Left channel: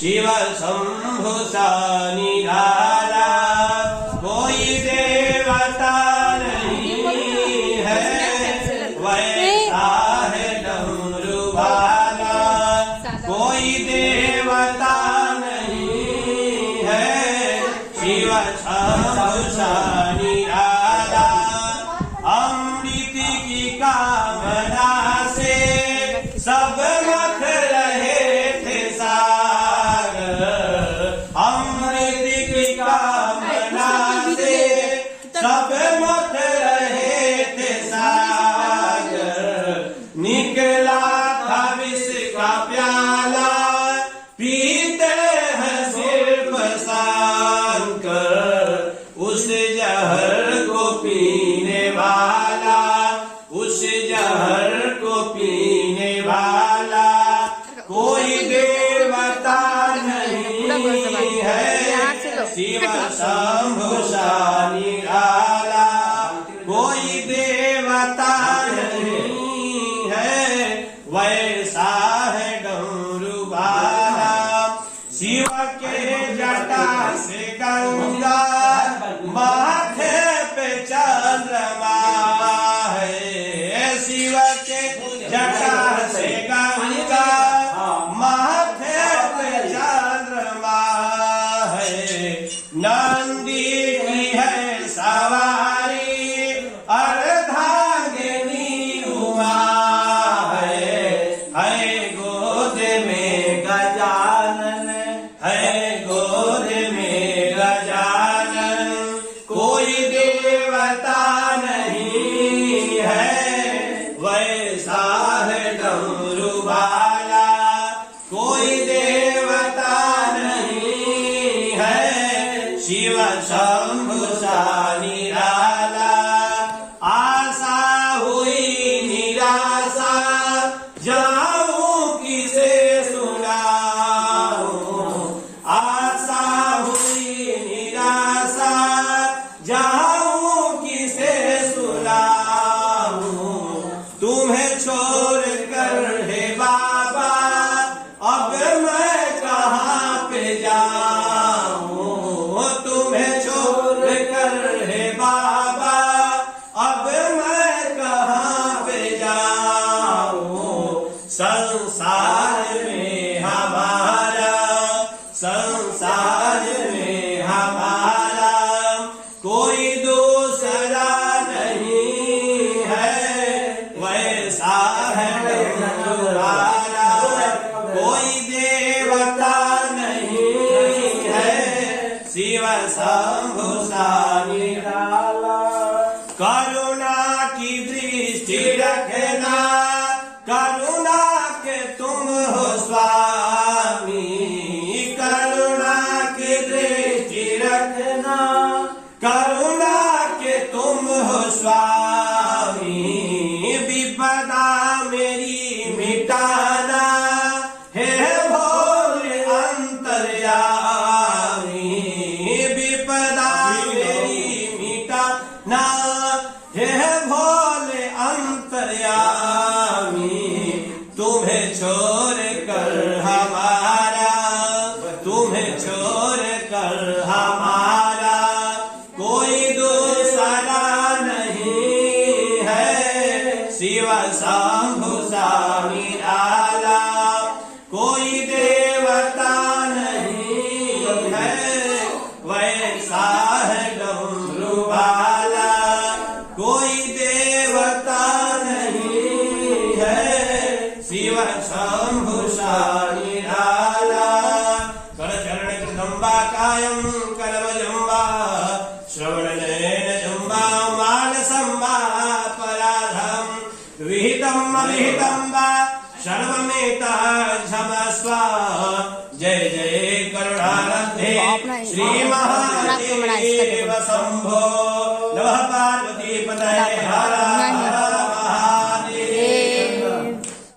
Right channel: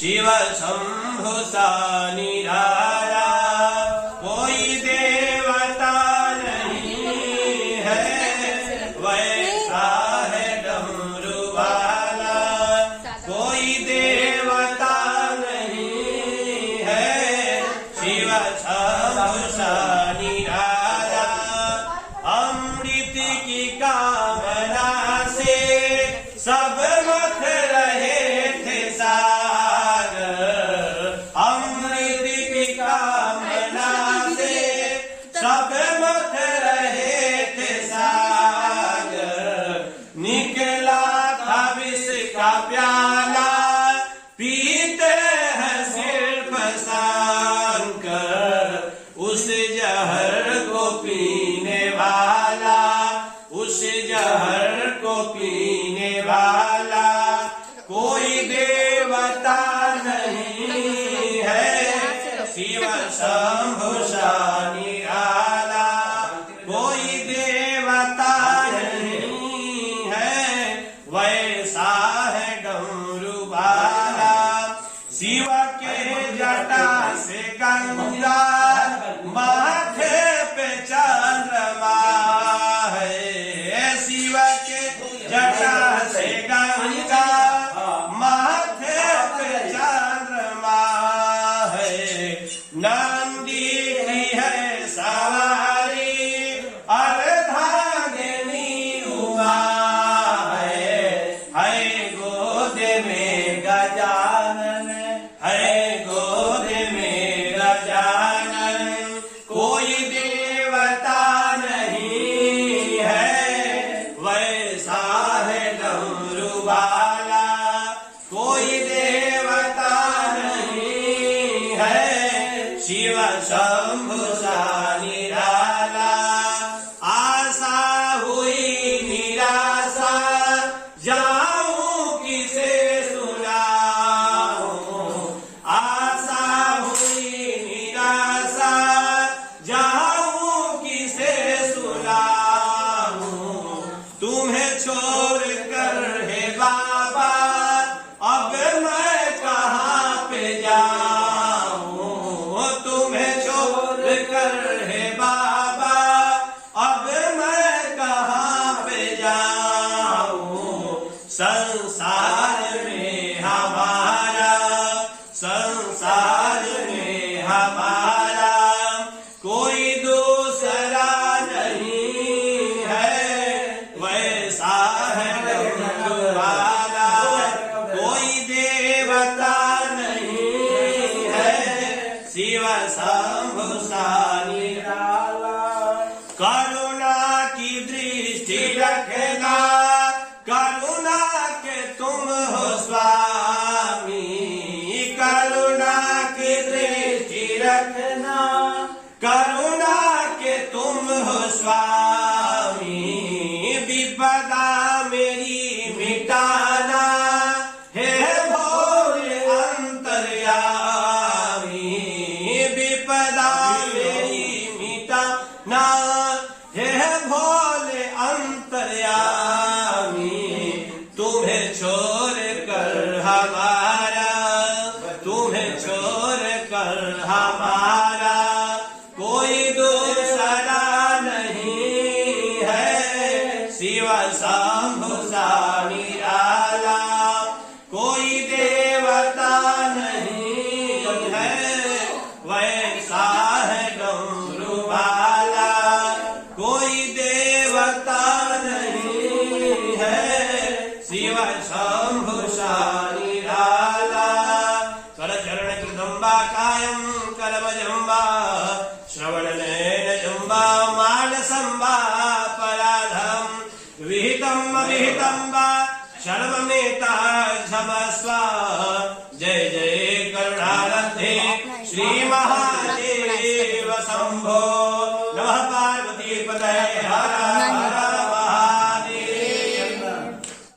शिव शंभु सा निराला, कोई देवता नहीं है वैसा है डमरू वाला, कोई देवता नहीं है शिव शंभु सा निराला। अमृत की कामना से सब मत रहे थे सागर, अमृत की कामना से सब मत रहे थे सागर। निकला था विष का प्याला, पीते हैं सिर्फ सांकर, उस जहर को पीने वाला, उस जहर को पीने वाला कोई देवता नहीं है शिव शंभु सा निराला, कोई देवता नहीं है वैसा है डमरू वाला। शिव के जटा से गंगा, माथे पे चंद्रमा है, शिव के जटा से गंगा, माथे पे चंद्रमा है। नंदी की है सवारी, अर्धांगिनी हुआ है गोद में गजानन, है गोद में गजानन, कोई देवता नहीं है वैसा है डमरू वाला, कोई देवता नहीं है शिव शंभु सा निराला। आशा हुई निराशा, जाऊं किसे सुनाऊं, आशा हुई निराशा, जाऊं किसे सुनाऊं। तुम्हें छोड़ कर हे बाबा अब मैं कहाँ पे जाऊं, तुम्हें छोड़ कर हे बाबा अब मैं कहाँ पे जाऊं। संसार में हमारा, संसार में हमारा कोई दूसरा नहीं है वैसा है डमरू वाला, कोई देवता नहीं है शिव शंभु सा निराला। करुणा की दृष्टि रखना, करुणा के तुम हो स्वामी, करुणा की दृष्टि रखना, करुणा के तुम हो स्वामी। विपदा मेरी मिटाना है भोले अंतर्यामी, विपदा मेरी मिटाना है भोले अंतर्यामी। तुम्हें छोड़ कर हमारा, तुम्हें छोड़ कर हमारा कोई दूसरा नहीं है शिव शंभु सा निराला, कोई देवता नहीं है वैसा है डमरू वाला, कोई देवता नहीं है शिव शंभु सा निराला। करचरण कृतंबा कायं करवजंबा, श्रवणनयन जंबा मानसंबा पराधम, विहितम अविहितम वा सर्वमेता क्षमस्व। जय जय करुणारब्धे श्री महादेव शंभो। नमः पार्वती पतये